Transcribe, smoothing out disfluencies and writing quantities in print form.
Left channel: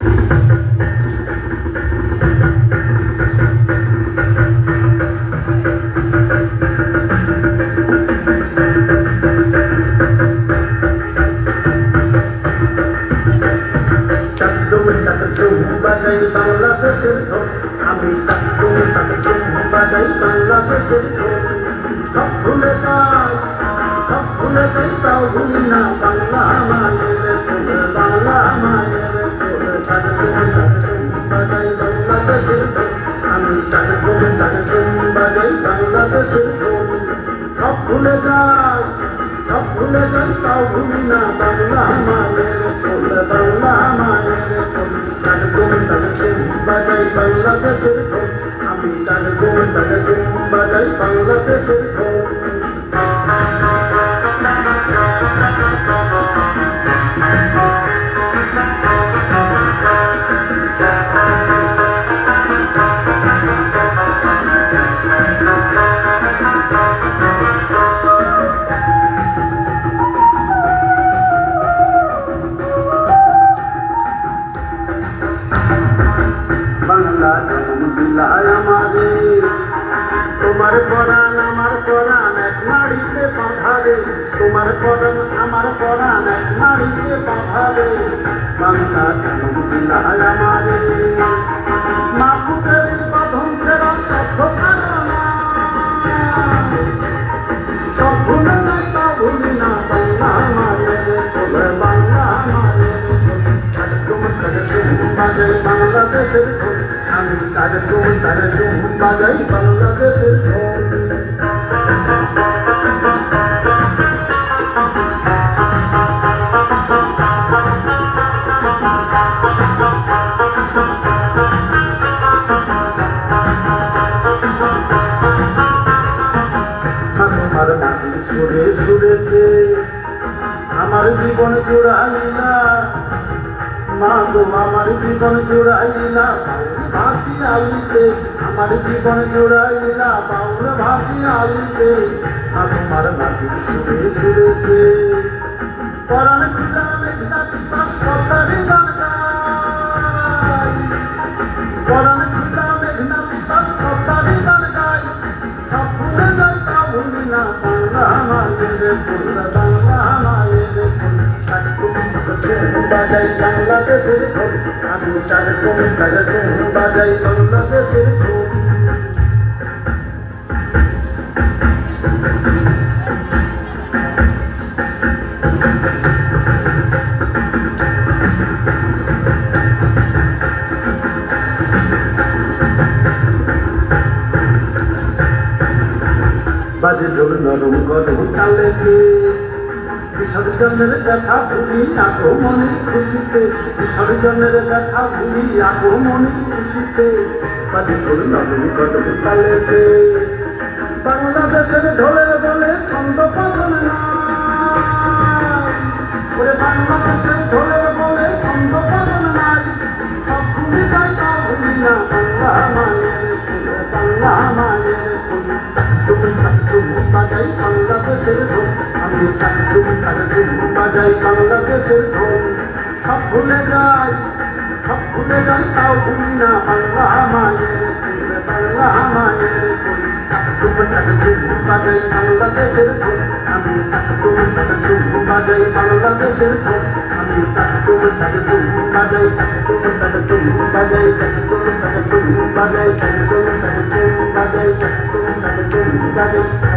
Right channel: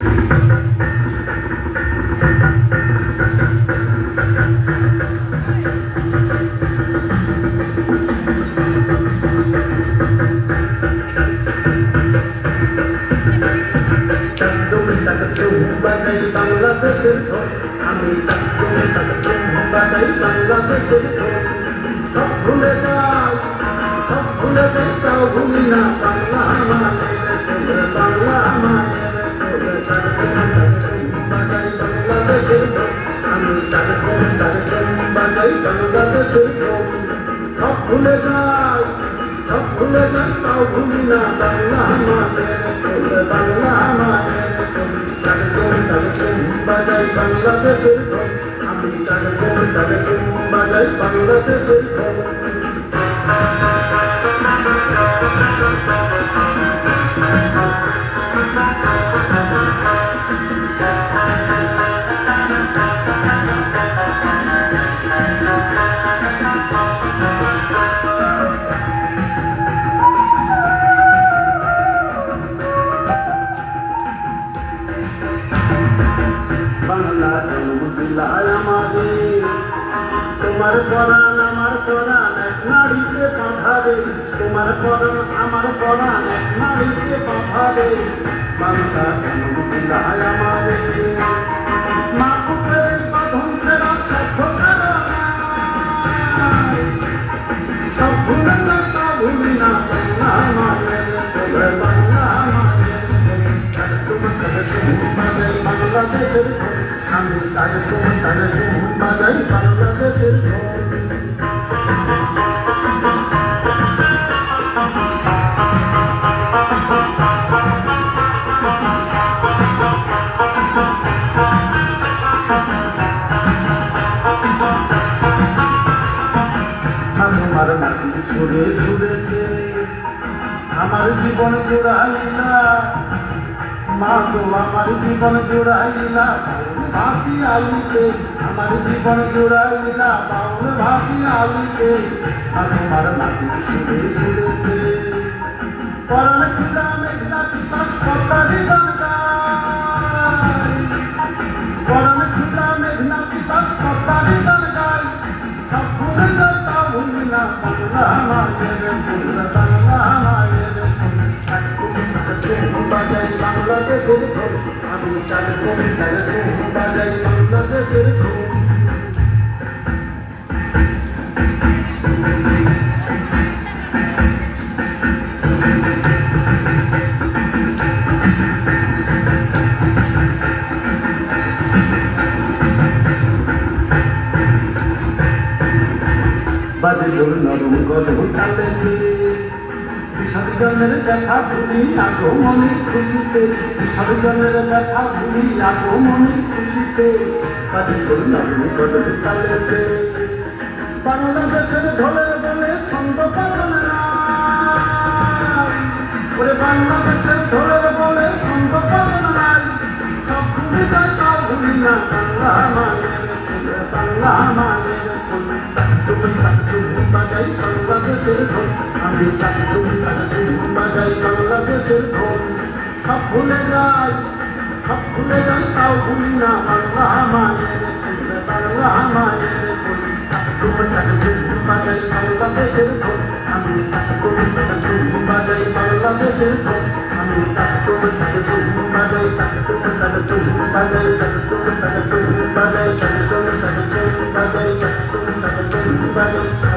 আমি বাজাই বাংলাদেশের সব ভুলে যাও, সব ভুলে যাও, ভুলি না বাংলা মায়ের বাংলা মায়ের বাজাই বাংলাদেশের আমি বাজাই বাংলাদেশের সব ভুলে যাও, সব ভুলে যাও, ভুলি না বাংলা মায়ের বাংলা মায়ের বাজাই বাংলাদেশের আমি বাজাই বাংলাদেশের বাংলা জন্মদিলায় আমাদের তোমার পরাণ আমার পরাণ এক নাড়িতে বাঁধারে তোমার পরাণ আমার পরাণ এক নাড়িতে বাঁধারে বাংলা জন্মদিলায় আমাদের মা পুতের বাঁধন ছেড়া সভ্যতার সব ভুলে না ভুলি না বাংলা মায়ের বলে বাংলা মায়ের বাজাই বাংলাদেশের আমি বাজাই বাংলাদেশের আমার মাটির সুরে সুরেতে আমার জীবন জোড়াইলা মা গো আমার জীবন জোড়াইলা ভাবি আলিতে আমার জীবন জোড়াইলা বাউল ভাবি আলিতে আমার মাটির সুরে সুরেতে পরাণ খুদা মেঘনা বিকাশ কতারি গান গাই পরাণ খুদা মেঘনা বিকাশ কতারি গান গাই সব ভুলে যাও ভুলি না বাংলা মায়ের বাংলা মায়ের বাজাই বাংলাদেশের আমি বাজাই বাংলাদেশের বাজে ঢোল নরম গরম তালেতে বিসর্জনের ব্যথা ভুলি আগমনী খুশিতে বিসর্জনের ব্যথা ভুলি আগমনী খুশিতে বাজে ঢোল নরম গরম তালেতে বাংলাদেশের ঢোলের বলে ছন্দ বদল নাই বাংলাদেশের ঢোলের বলে ছন্দ বদল নাই সব ভুলি যাই তা ভুলি না বাংলা মায়ের বাংলা মায়ের বাজাই বাংলাদেশের আমি বাজাই বাংলাদেশের সব ভুলে যাই, সব ভুলে যাই তাও ভুলি না বাংলা মায়ের বাংলা মায়ের বাজাই বাংলাদেশের আমি বাজাই বাংলাদেশের আমি বাজাই বাজাই বাজাই